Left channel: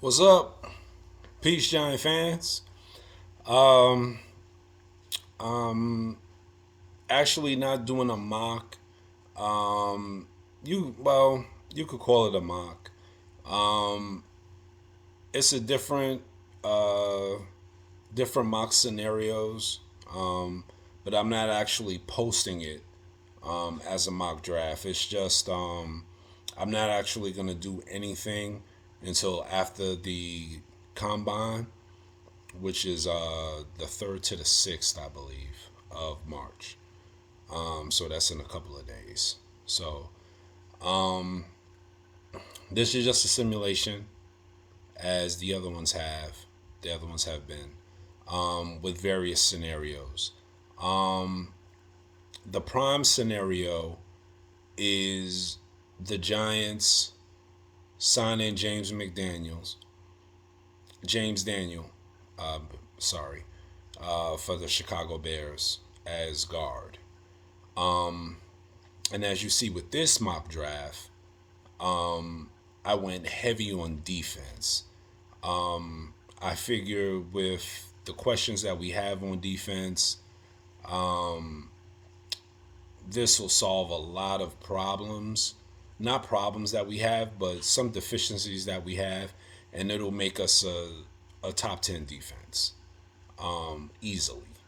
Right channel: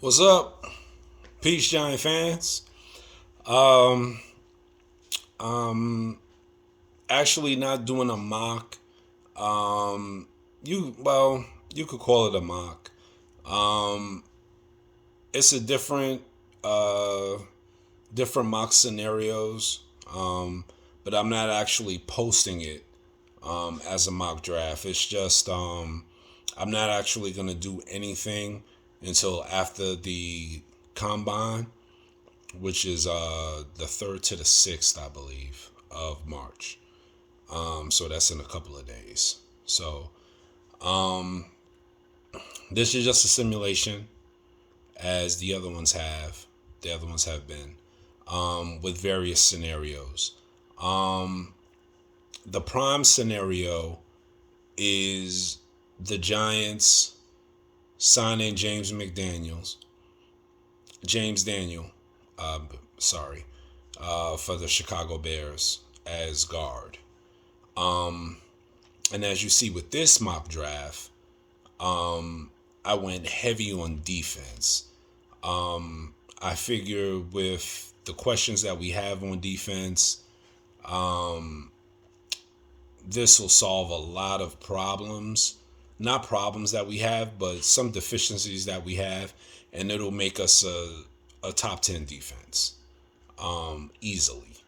What's up, Peace Giant fans? Um, um, actually not doing a mock. Um, you could call it a mock. Um, it's a uh, different mock scenarios. Um, but I'm not actually posting it as a mock draft. It's just I'm not actually gonna do anything until after the combine, which is the 3rd to the 6th, I believe, of March. So that's in a couple of days. So this is just a simulation, as the other ones have. The other ones have been with various scenarios. The prime scenario is the Giants signing James Daniel, uh, sorry, for the Chicago Bears as guard. And as you see with this mock draft, I went heavy on defense. I figure with the questions that we have on defense, this will solve a lot of problems. Not problems that we have, but some deficiencies that we have, and it'll make us a top 10 defense easily.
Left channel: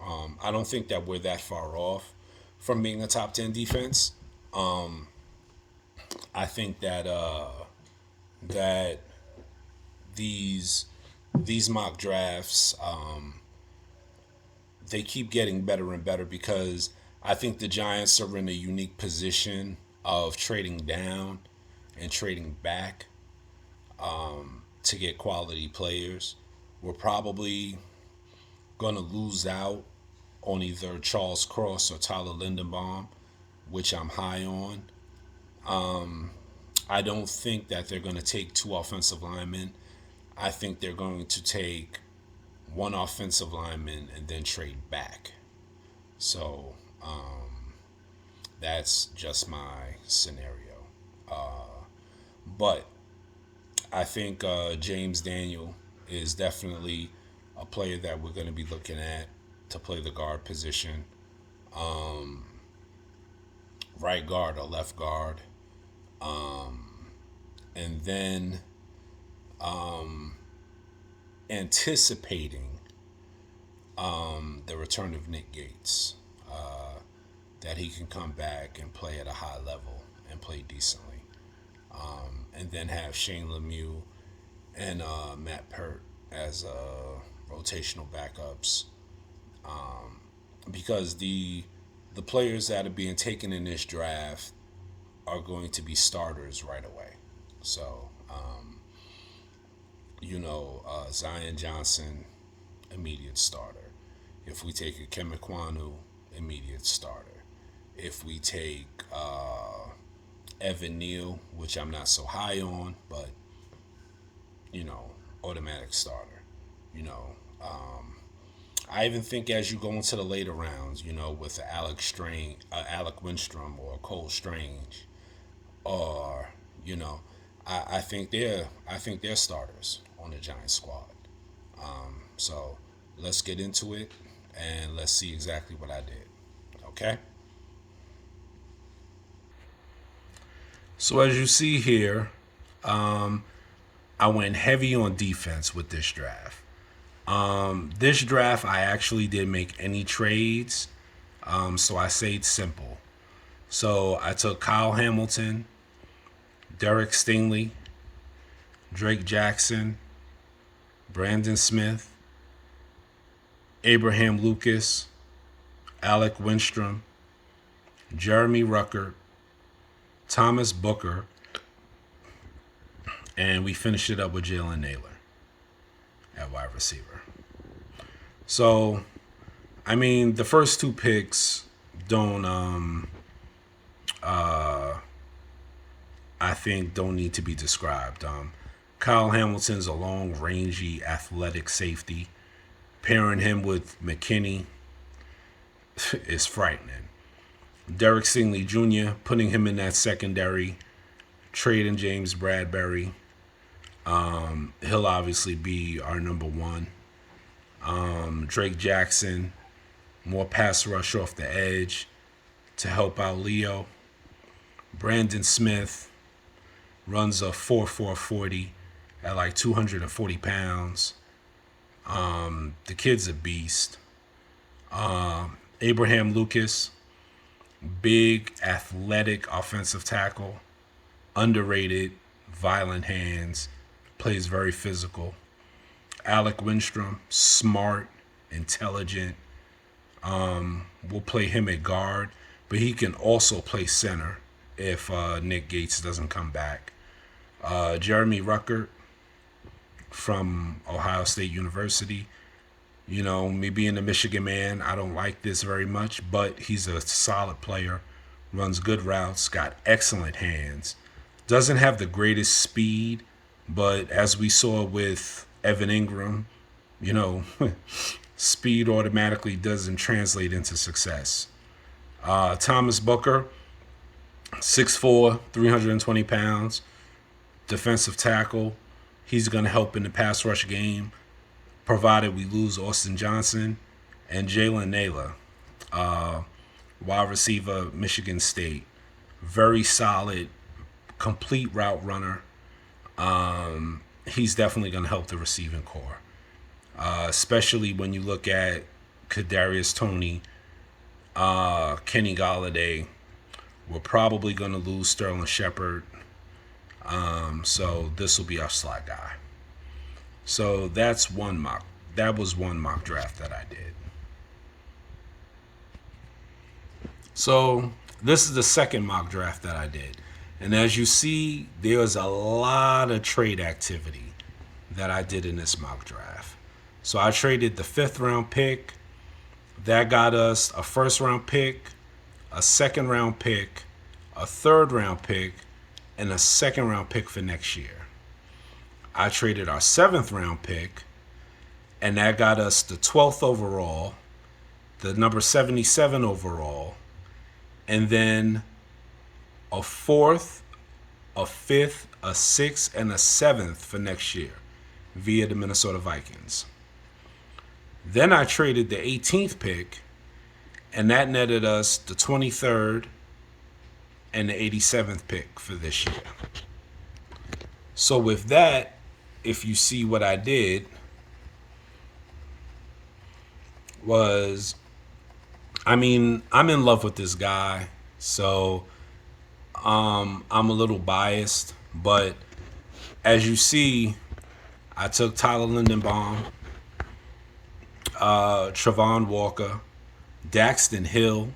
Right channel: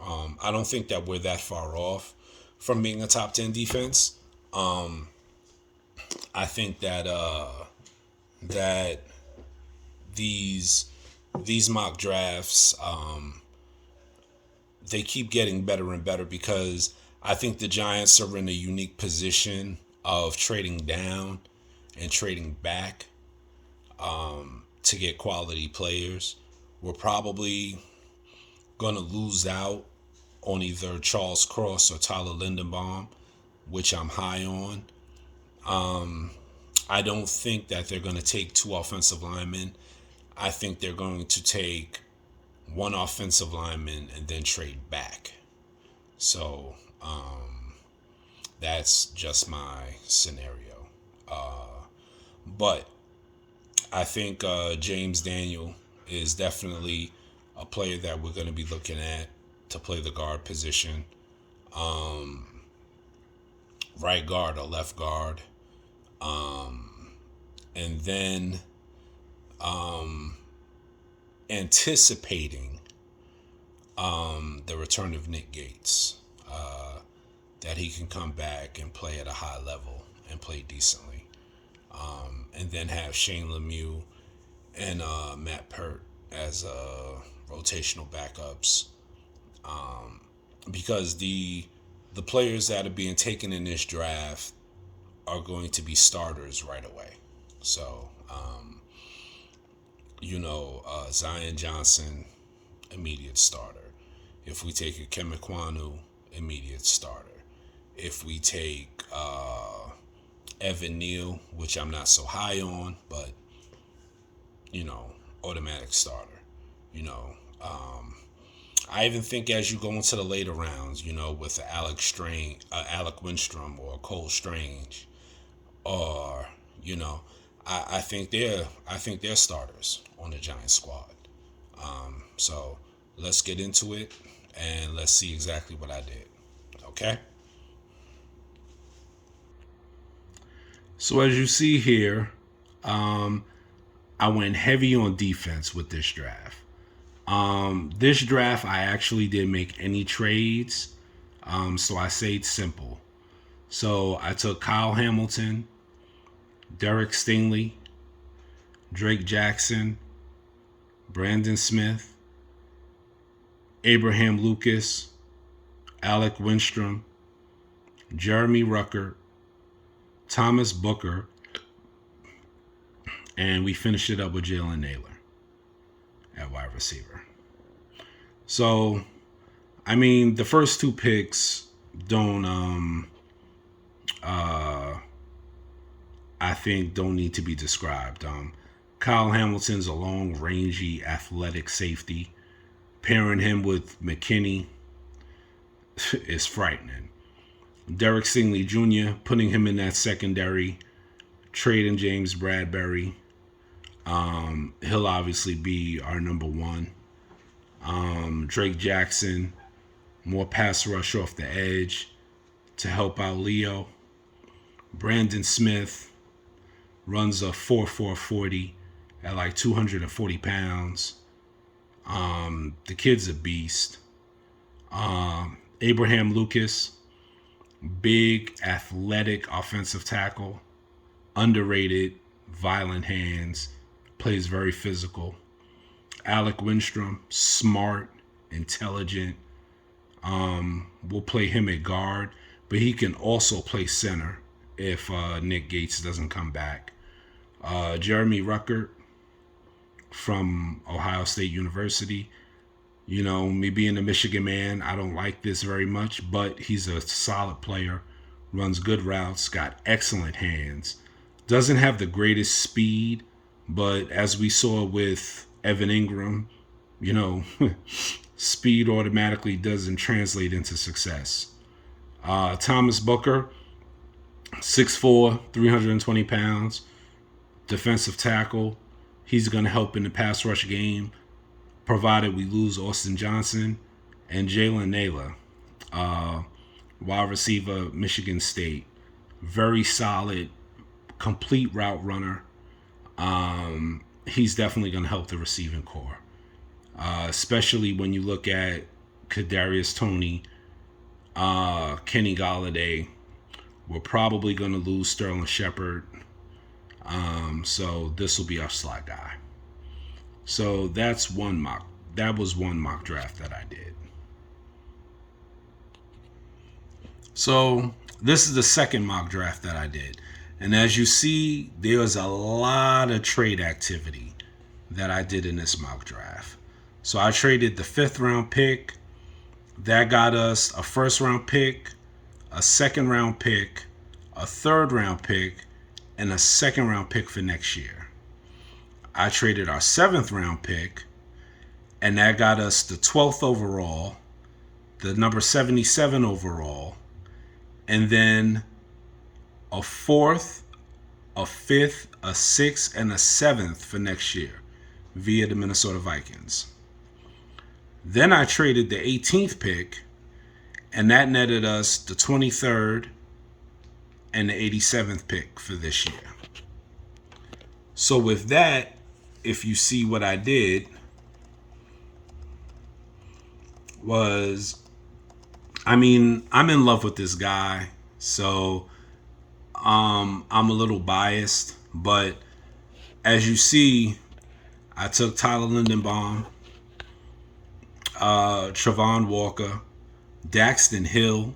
I don't think that we're that far off from being a top 10 defense. I think that these these mock drafts they keep getting better and better because I think the Giants are in a unique position of trading down and trading back to get quality players. We're probably going to lose out on either Charles Cross or Tyler Lindenbaum, which I'm high on. I don't think that they're going to take two offensive linemen. I think they're going to take one offensive lineman and then trade back. So that's just my scenario. But I think James Daniel is definitely a player that we're going to be looking at to play the guard position, right guard or left guard. And then anticipating the return of Nick Gates, that he can come back and play at a high level and play decently. And then have Shane Lemieux and Matt Pert as rotational backups, because the players that are being taken in this draft are going to be starters right away. So, Zion Johnson, immediate starter. If we take a Kemikwanu, immediate starter. If we take Evan Neal, which I'm not so high on, but automatic starter. You know, I even think as you go into the later rounds, with Alec Winstrom or Cole Strange, or you know, I think they're starters on the Giants squad. So let's get into it and let's see exactly what I did. Okay. So as you see here, I went heavy on defense with this draft. This draft, I actually didn't make any trades, so I stayed simple. So I took Kyle Hamilton, Derek Stingley, Drake Jackson, Brandon Smith, Abraham Lucas, Alec Winstrom, Jeremy Rucker, Thomas Booker, and we finished it up with Jalen Naylor at wide receiver. So, I mean, the first two picks don't, I think, don't need to be described. Kyle Hamilton's a long, rangy, athletic safety. Pairing him with McKinney is frightening. Derek Stingley Jr., putting him in that secondary, trading James Bradbury. He'll obviously be our number one. Drake Jackson, more pass rush off the edge to help out Leo. Brandon Smith runs a 4.40 at like 240 pounds. The kid's a beast. Abraham Lucas, big, athletic offensive tackle, underrated, violent hands, plays very physical. Alec Winstrom, smart, intelligent. We'll play him at guard, but he can also play center if Nick Gates doesn't come back. Jeremy Ruckert from Ohio State University. You know, me being a Michigan man, I don't like this very much, but he's a solid player, runs good routes, got excellent hands. Doesn't have the greatest speed, but as we saw with Evan Ingram, you know, speed automatically doesn't translate into success. Thomas Booker, 6'4", 320 pounds, defensive tackle. He's going to help in the pass rush game, provided we lose Austin Johnson. And Jalen Naylor, wide receiver, Michigan State. Very solid, complete route runner. He's definitely going to help the receiving core, especially when you look at Kadarius Toney, Kenny Galladay. We're probably going to lose Sterling Shepard. So this will be our slot guy. So that's one mock. That was one mock draft that I did. So this is the second mock draft that I did. And as you see, there was a lot of trade activity that I did in this mock draft. So I traded the 5th round pick. That got us a 1st round pick, a 2nd round pick, a 3rd round pick, and a 2nd round pick for next year. I traded our 7th round pick, and that got us the 12th overall, the number 77 overall, and then a 4th, a 5th, a 6th, and a 7th for next year via the Minnesota Vikings. Then I traded the 18th pick, and that netted us the 23rd and the 87th pick for this year. So with that, if you see what I did was, I mean, I'm in love with this guy, so I'm a little biased, but as you see, I took Tyler Lindenbaum, Travon Walker, Daxton Hill,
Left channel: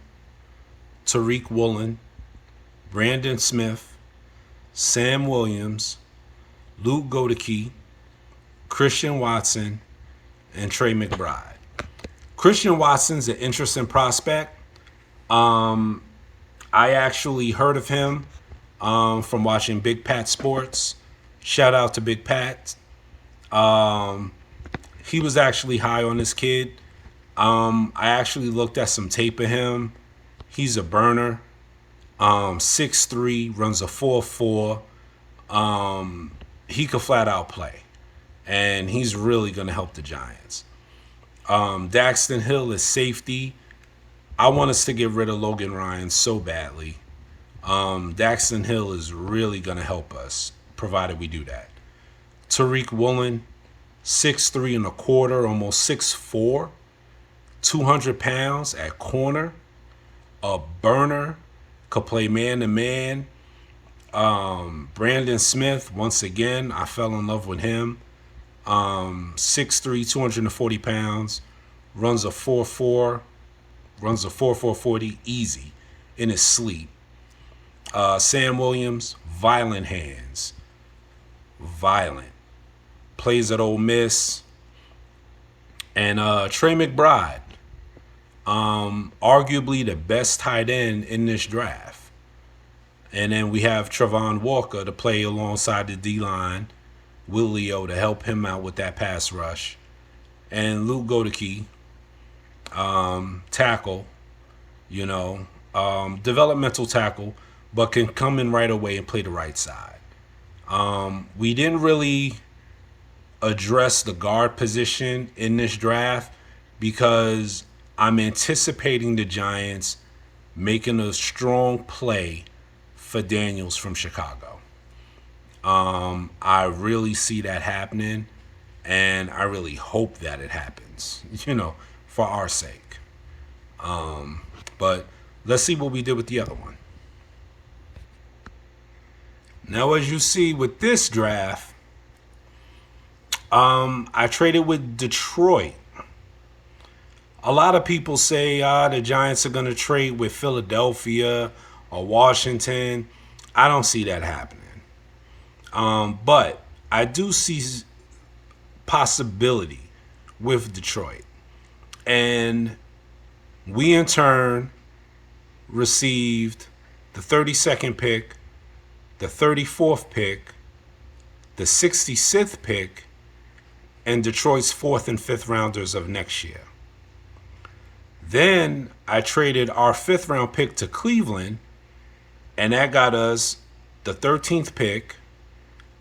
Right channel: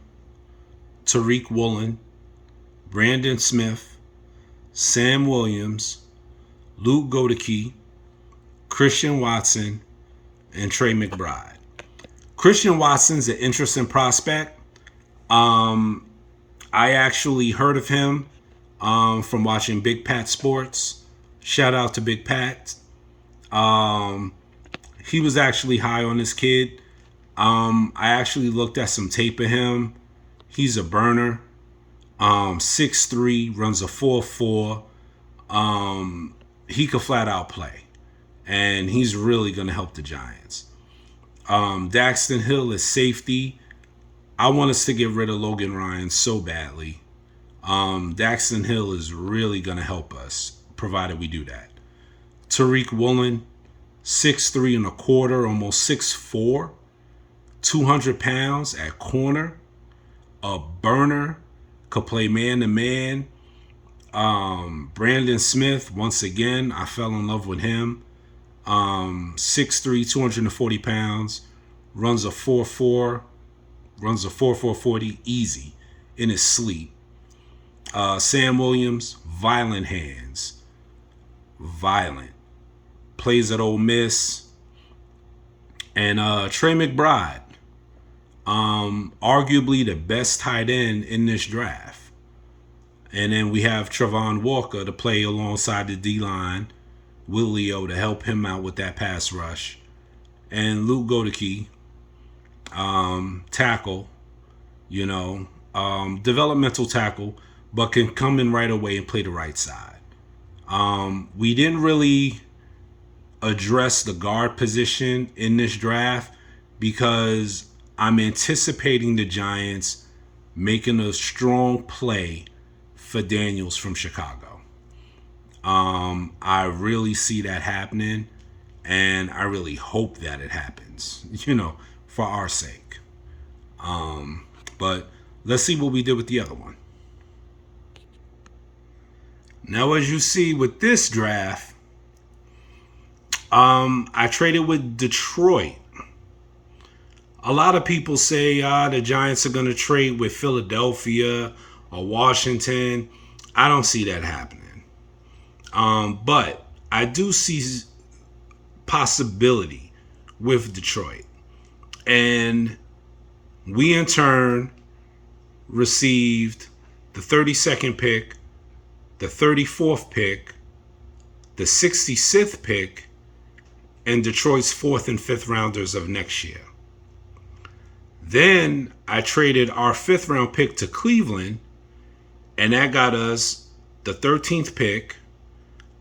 Tariq Woolen, Brandon Smith, Sam Williams, Luke Godeke, Christian Watson, and Trey McBride. Christian Watson's an interesting prospect. I actually heard of him from watching Big Pat Sports. Shout out to Big Pat. He was actually high on this kid. I actually looked at some tape of him. He's a burner. 6'3", runs a 4.4. He could flat out play. And he's really going to help the Giants. Daxton Hill is safety. I want us to get rid of Logan Ryan so badly. Daxton Hill is really going to help us, provided we do that. Tariq Woolen, 6'3" and a quarter, almost 6'4", 200 pounds at corner, a burner, could play man-to-man. Brandon Smith, once again, I fell in love with him. 6'3", 240 pounds, runs a 4.4, runs a 4.40 easy in his sleep. Sam Williams, violent hands, violent. Plays at Ole Miss. And Trey McBride, arguably the best tight end in this draft. And then we have Travon Walker to play alongside the D-line, Will Leo to help him out with that pass rush. And Luke Godeke, tackle, developmental tackle, but can come in right away and play the right side. We didn't really address the guard position in this draft because I'm anticipating the Giants making a strong play for Daniels from Chicago. I really see that happening, and I really hope that it happens, for our sake. But let's see what we did with the other one. Now, as you see with this draft, I traded with Detroit. A lot of people say the Giants are going to trade with Philadelphia or Washington. I don't see that happening. But I do see possibility with Detroit. And we in turn received the 32nd pick, the 34th pick, the 66th pick, and Detroit's 4th and 5th rounders of next year. Then I traded our 5th round pick to Cleveland, and that got us the 13th pick,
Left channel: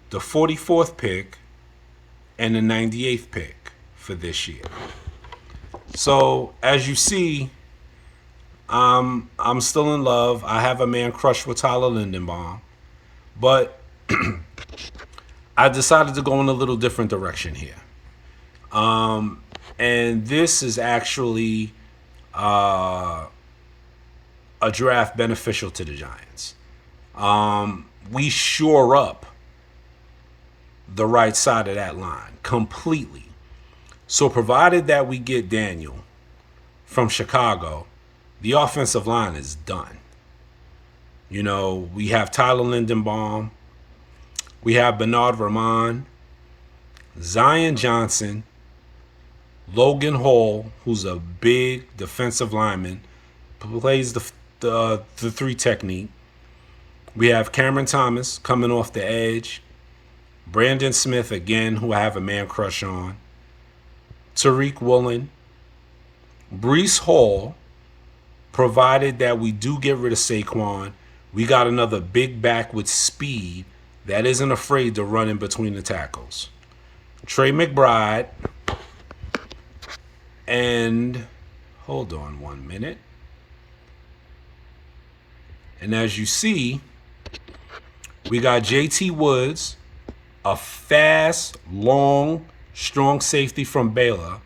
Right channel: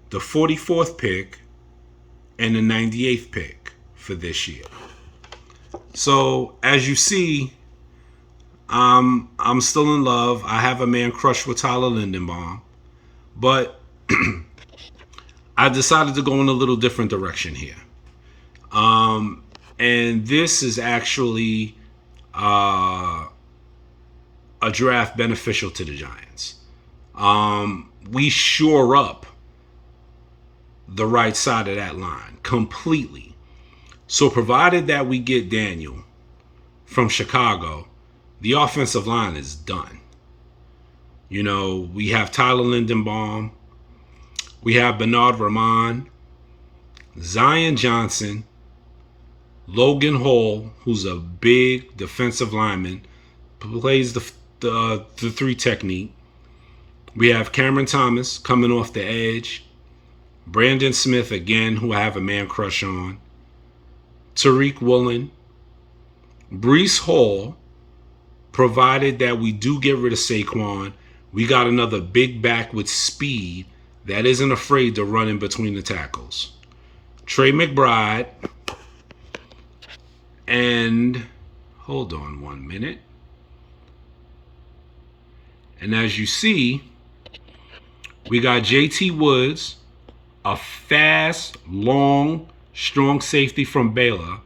the 44th pick, and the 98th pick for this year. So as you see, I'm still in love. I have a man crush with Tyler Lindenbaum, but I decided to go in a little different direction here. And this is actually a draft beneficial to the Giants. We shore up the right side of that line completely. So provided that we get Daniel from Chicago, the offensive line is done. We have Tyler Lindenbaum, we have Bernard Ramon, Zion Johnson, Logan Hall, who's a big defensive lineman, plays the 3 technique. We have Cameron Thomas coming off the edge. Brandon Smith, again, who I have a man crush on. Tariq Woolen. Breece Hall, provided that we do get rid of Saquon. We got another big back with speed that isn't afraid to run in between the tackles. Trey McBride. And hold on 1 minute. And as you see, we got JT Woods, a fast, long, strong safety from Baylor.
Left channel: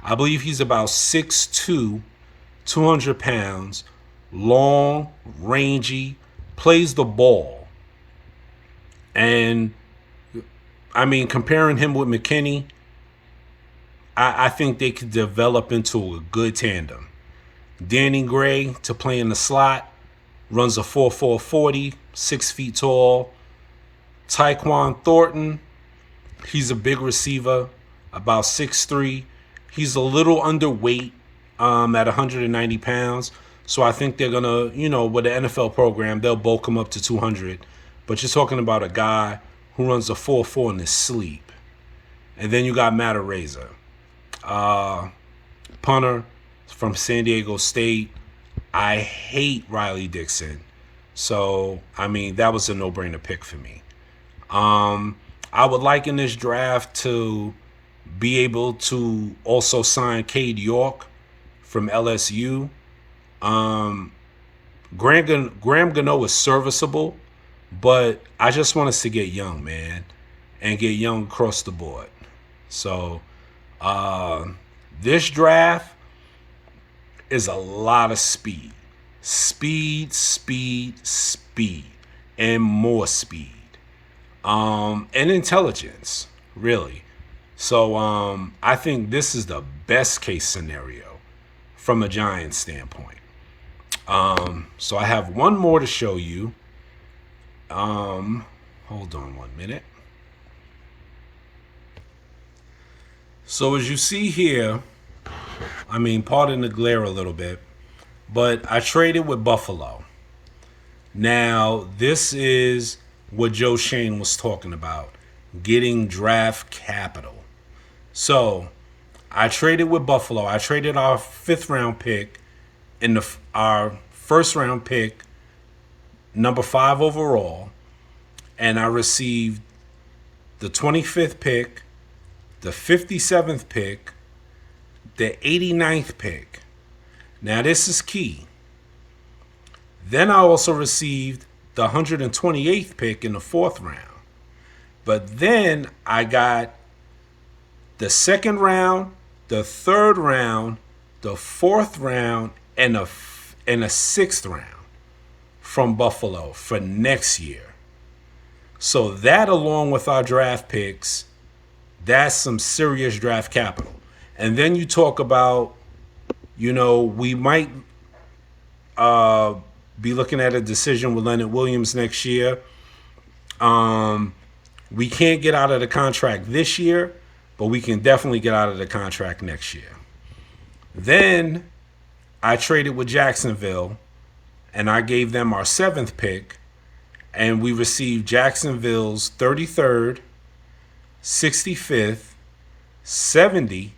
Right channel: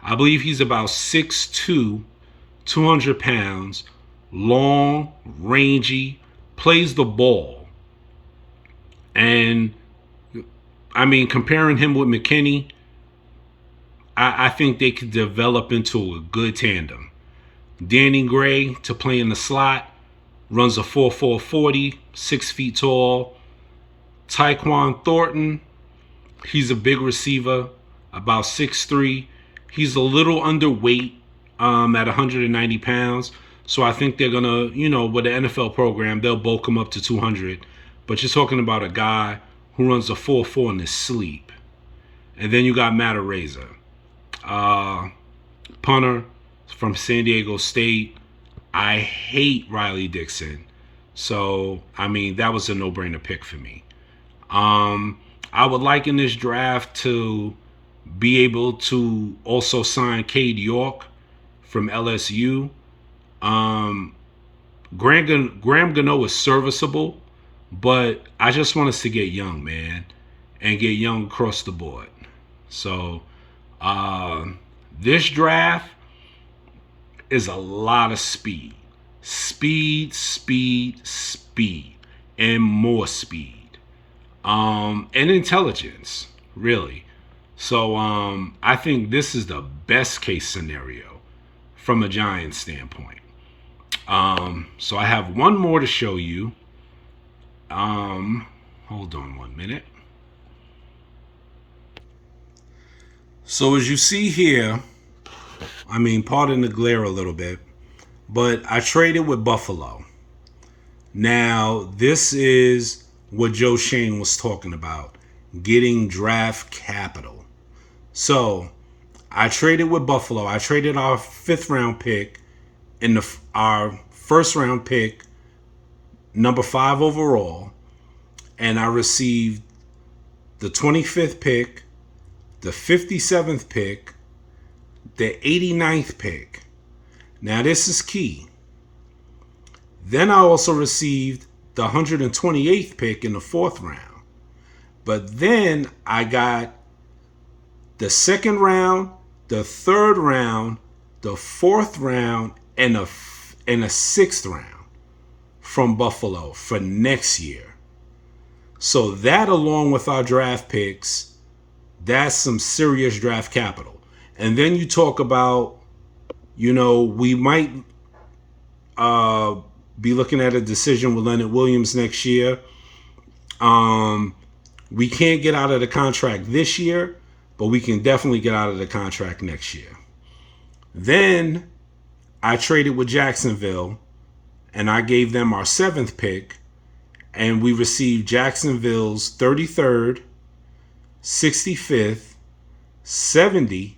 I believe he's about 6'2", 200 pounds, long, rangy, plays the ball. And, comparing him with McKinney, I think they could develop into a good tandem. Danny Gray to play in the slot, runs a 4.4 40, 6 feet tall. Tyquan Thornton, he's a big receiver, about 6'3". He's a little underweight at 190 pounds. So I think they're going to, with the NFL program, they'll bulk him up to 200. But you're talking about a guy who runs a 4.4 in his sleep. And then you got Matt Araiza, punter from San Diego State. I hate Riley Dixon. So, that was a no-brainer pick for me. I would like in this draft to be able to also sign Cade York from LSU. Graham Gano is serviceable, but I just want us to get young, man, and get young across the board. So this draft is a lot of speed. Speed, and more speed. And intelligence, really. So I think this is the best case scenario from a Giants standpoint. So I have one more to show you. Hold on 1 minute. So as you see here, pardon the glare a little bit, but I traded with Buffalo. Now, this is what Joe Shane was talking about, getting draft capital. So I traded with Buffalo. I traded our 5th round pick and our 1st round pick, number 5 overall, and I received the 25th pick, the 57th pick, the 89th pick. Now, this is key. Then I also received the 128th pick in the fourth round. But then I got the second round, the third round, the fourth round, and a sixth round from Buffalo for next year. So that, along with our draft picks, that's some serious draft capital. And then you talk about, we might be looking at a decision with Leonard Williams next year. We can't get out of the contract this year, but we can definitely get out of the contract next year. Then I traded with Jacksonville, and I gave them our 7th pick, and we received Jacksonville's 33rd, 65th, 70,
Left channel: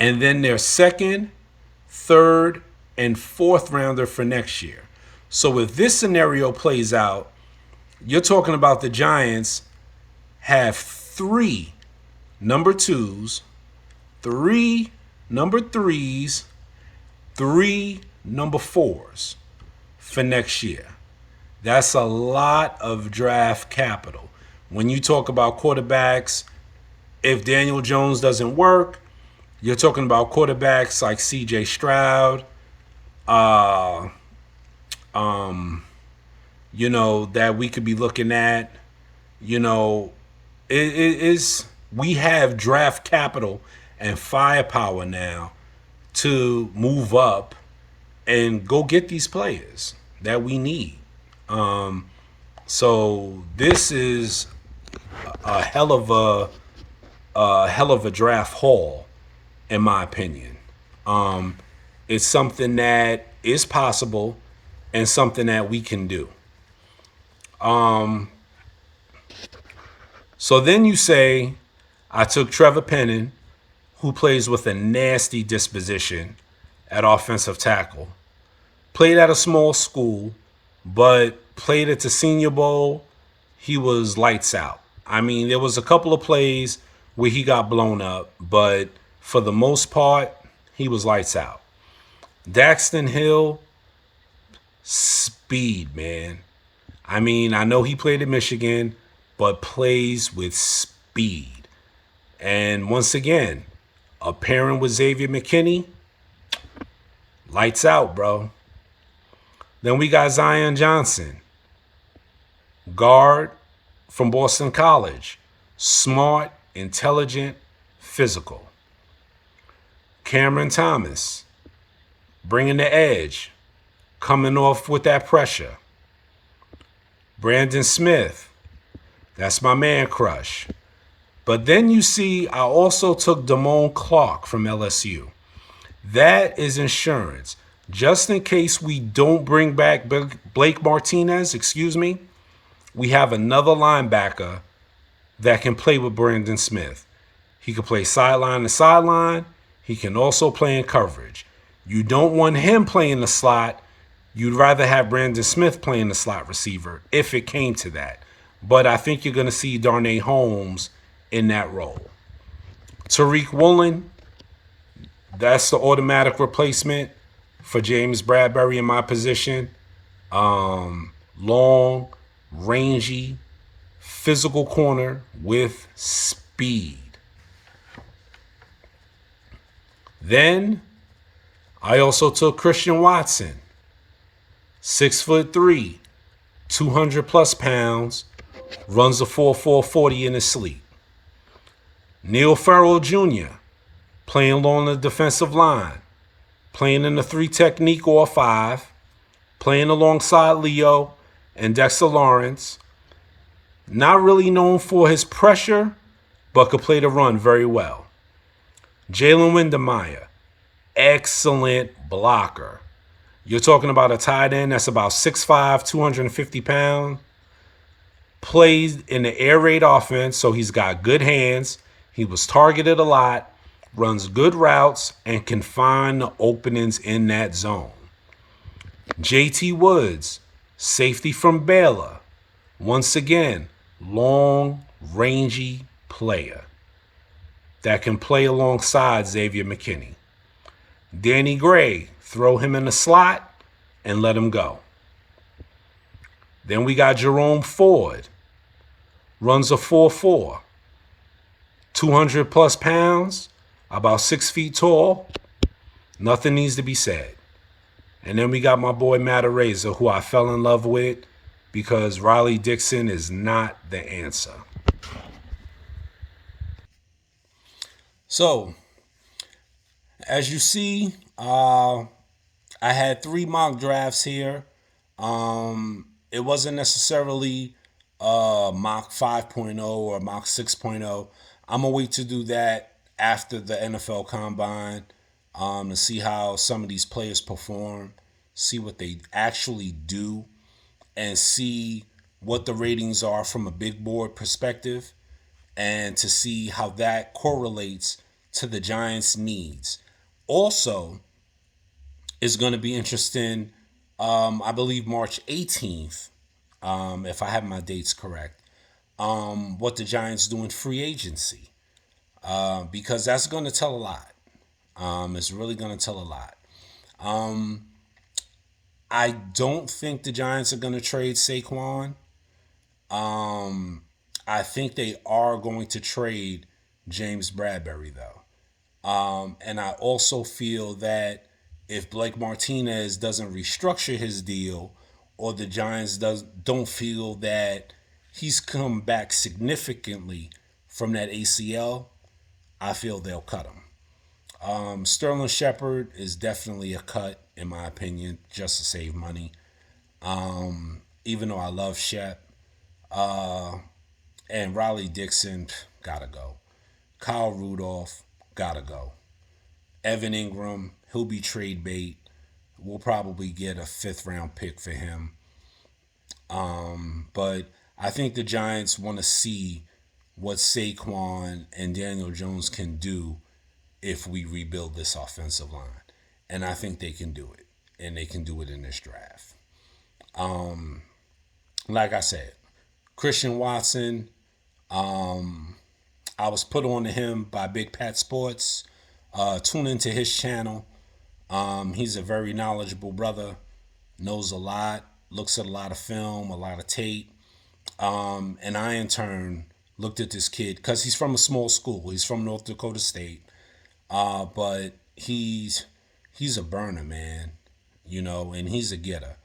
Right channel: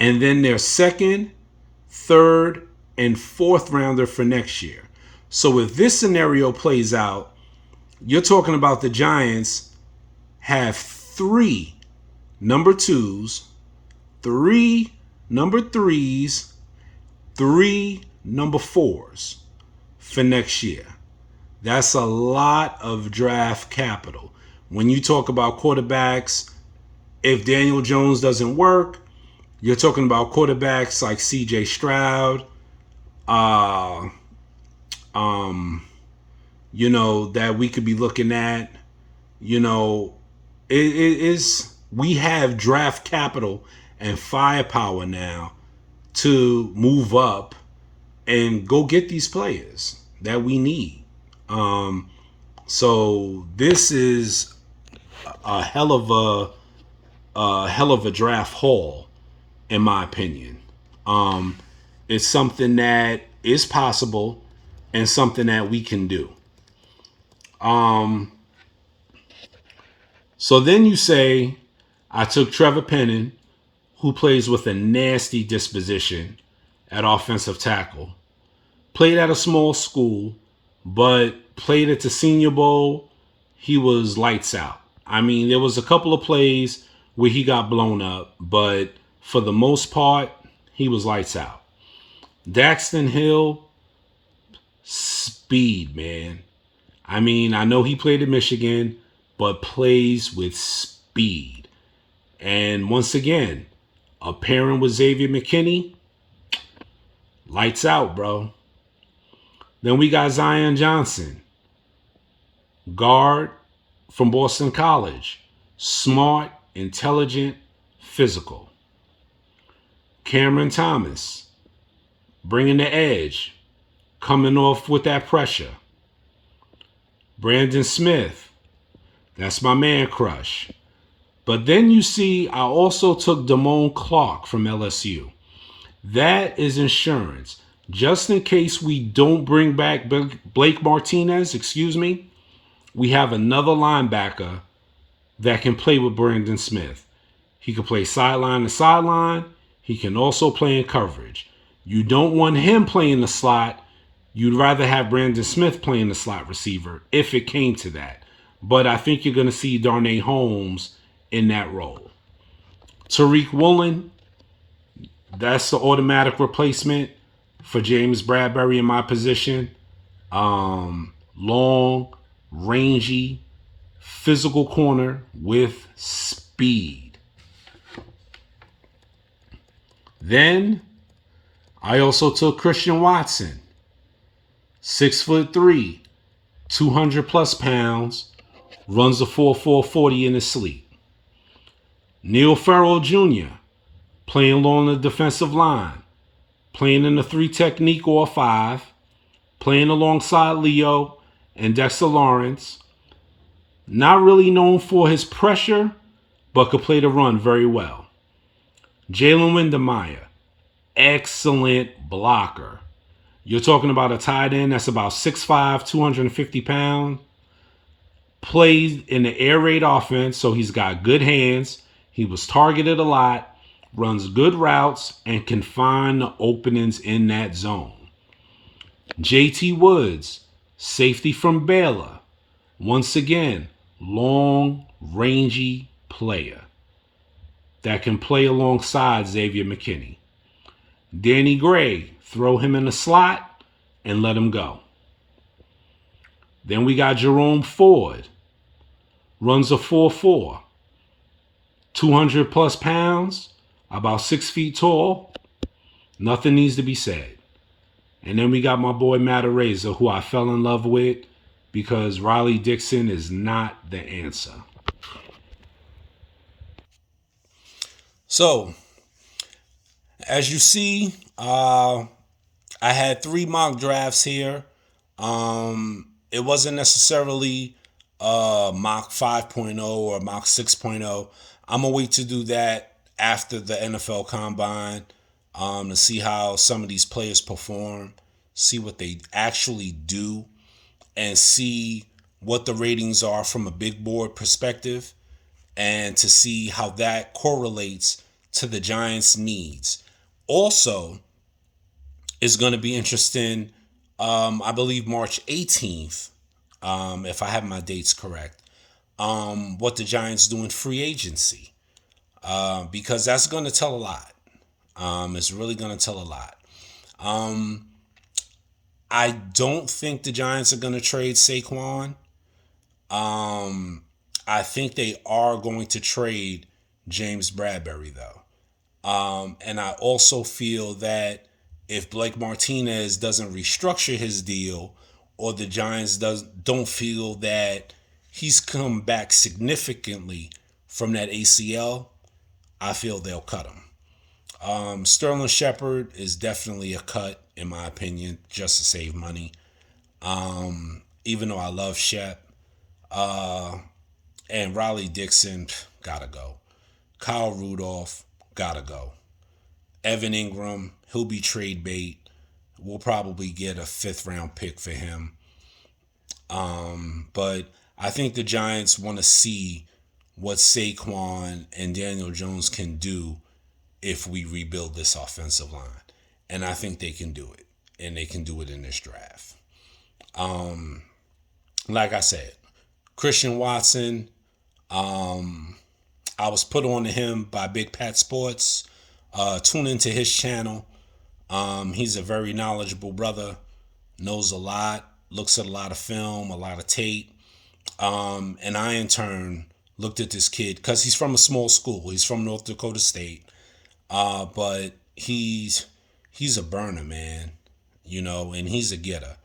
and then their 2nd, 3rd, and 4th rounder for next year. So if this scenario plays out, you're talking about the Giants have 3 number 2s, 3 number 3s, 3 number 4s for next year. That's a lot of draft capital. When you talk about quarterbacks, if Daniel Jones doesn't work, you're talking about quarterbacks like C.J. Stroud, that we could be looking at. We have draft capital and firepower now to move up and go get these players that we need. So this is a hell of a draft haul, in my opinion. It's something that is possible and something that we can do. So then you say, I took Trevor Penning, who plays with a nasty disposition at offensive tackle. Played at a small school, but played at the Senior Bowl. He was lights out. I mean, there was a couple of plays where he got blown up, but for the most part, he was lights out. Daxton Hill, speed, man. I mean, I know he played at Michigan, but plays with speed. And once again, a pairing with Xavier McKinney, lights out, bro. Then we got Zion Johnson, guard from Boston College. Smart, intelligent, physical. Cameron Thomas, bringing the edge, coming off with that pressure. Brandon Smith, that's my man crush. But then you see, I also took Damone Clark from LSU. That is insurance. Just in case we don't bring back Blake Martinez, we have another linebacker that can play with Brandon Smith. He can play sideline to sideline. He can also play in coverage. You don't want him playing the slot. You'd rather have Brandon Smith playing the slot receiver if it came to that. But I think you're going to see Darnay Holmes in that role. Tariq Woolen, that's the automatic replacement for James Bradbury in my position. Long, rangy, physical corner with speed. Then I also took Christian Watson, 6'3", 200 plus pounds, runs a 4.40 in his sleep. Neil Farrell Jr., playing along the defensive line, playing in the 3 technique or 5, playing alongside Leo and Dexter Lawrence. Not really known for his pressure, but could play the run very well. Jalen Windemeyer, excellent blocker. You're talking about a tight end that's about 6'5", 250 pounds. Plays in the air raid offense, so he's got good hands. He was targeted a lot, runs good routes, and can find the openings in that zone. JT Woods, safety from Baylor, Once again, long, rangy player that can play alongside Xavier McKinney. Danny Gray, throw him in the slot and let him go. Then we got Jerome Ford, runs a 4.4, 200 plus pounds, about 6 feet tall. Nothing needs to be said. And then we got my boy Matt Araiza, who I fell in love with because Riley Dixon is not the answer. So, as you see, I had 3 mock drafts here. It wasn't necessarily mock 5.0 or mock 6.0. I'm going to wait to do that after the NFL Combine to see how some of these players perform, see what they actually do, and see what the ratings are from a big board perspective, and to see how that correlates to the Giants' needs. Also, it's going to be interesting, I believe March 18th, if I have my dates correct, what the Giants do in free agency, because that's going to tell a lot. It's really going to tell a lot. I don't think the Giants are going to trade Saquon. I think they are going to trade James Bradbury, though. And I also feel that if Blake Martinez doesn't restructure his deal, or the Giants don't feel that he's come back significantly from that ACL, I feel they'll cut him. Sterling Shepard is definitely a cut, in my opinion, just to save money. Even though I love Shep. And Riley Dixon, gotta go. Kyle Rudolph, gotta go. Evan Ingram, he'll be trade bait. We'll probably get a 5th-round pick for him. But I think the Giants want to see what Saquon and Daniel Jones can do if we rebuild this offensive line. And I think they can do it. And they can do it in this draft. Like I said, Christian Watson, I was put on to him by Big Pat Sports. Tune into his channel. He's a very knowledgeable brother, knows a lot, looks at a lot of film, a lot of tape. And I, in turn, looked at this kid because he's from a small school. He's from North Dakota State. But he's a burner, man, and he's a getter,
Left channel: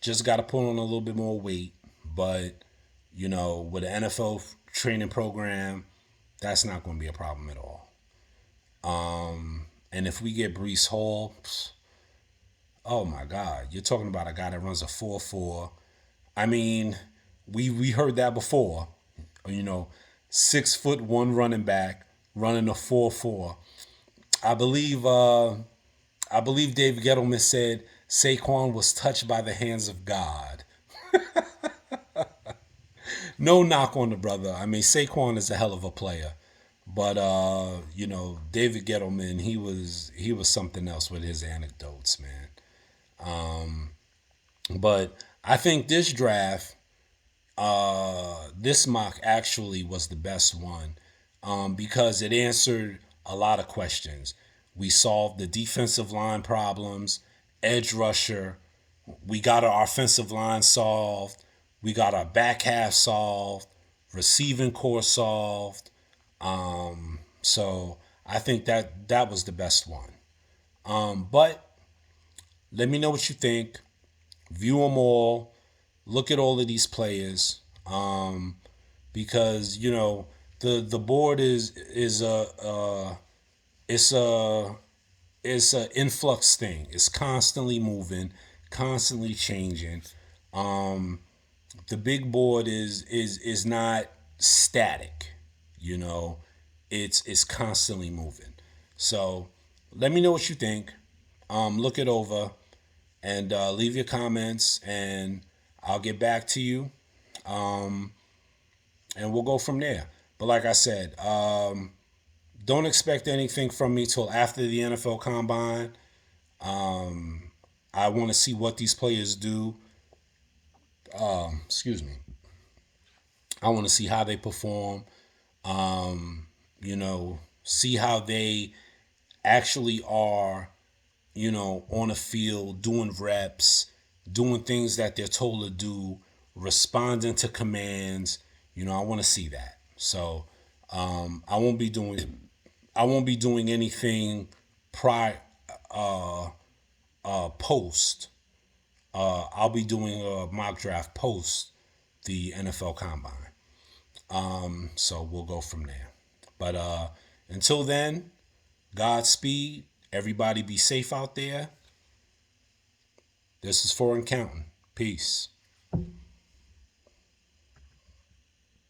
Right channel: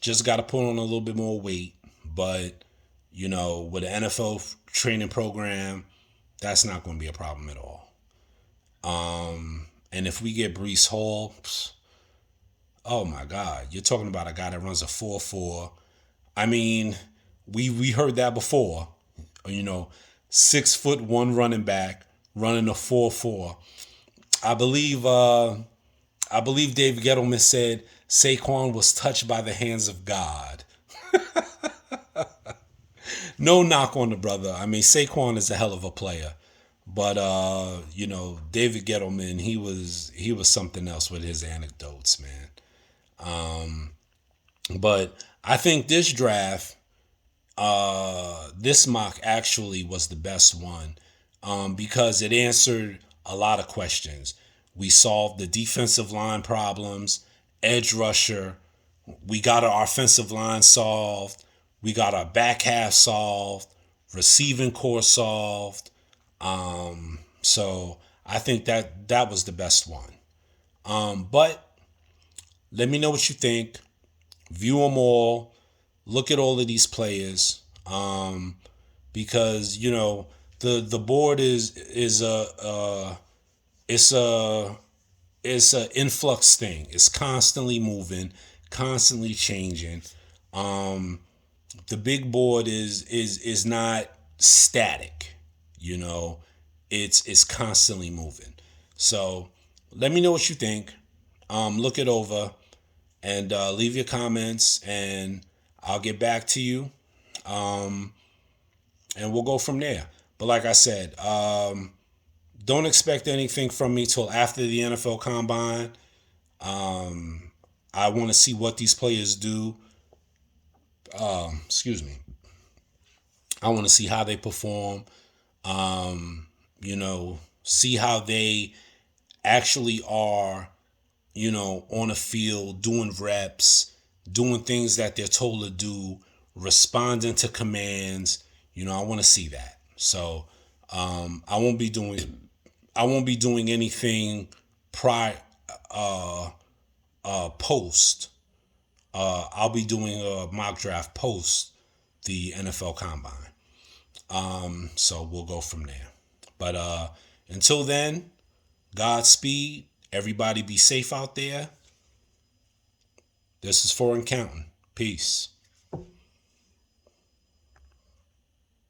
just got to put on a little bit more weight. But, with an NFL training program, that's not going to be a problem at all. And if we get Breece Hall, oh my God, you're talking about a guy that runs a 4.4. I mean, we heard that before, 6'1" running back running a 4.4. I believe David Gettleman said Saquon was touched by the hands of God. No knock on the brother. I mean, Saquon is a hell of a player. But David Gettleman, he was something else with his anecdotes, man. But I think this draft, this mock actually was the best one, because it answered a lot of questions. We solved the defensive line problems, edge rusher. We got our offensive line solved. We got our back half solved. Receiving core solved. So I think that was the best one. But let me know what you think. View them all. Look at all of these players. Because the board is it's a influx thing. It's constantly moving, constantly changing. The big board is not static. It's constantly moving. So let me know what you think. Look it over and leave your comments, and I'll get back to you. And we'll go from there. But like I said, don't expect anything from me till after the NFL Combine. I want to see what these players do. Excuse me. I want to see how they perform. See how they actually are, on the field, doing reps, doing things that they're told to do, responding to commands. I want to see that. So I won't be doing anything prior post. I'll be doing a mock draft post the NFL Combine. So we'll go from there. But until then, Godspeed. Everybody be safe out there. This is Foreign Counting. Peace.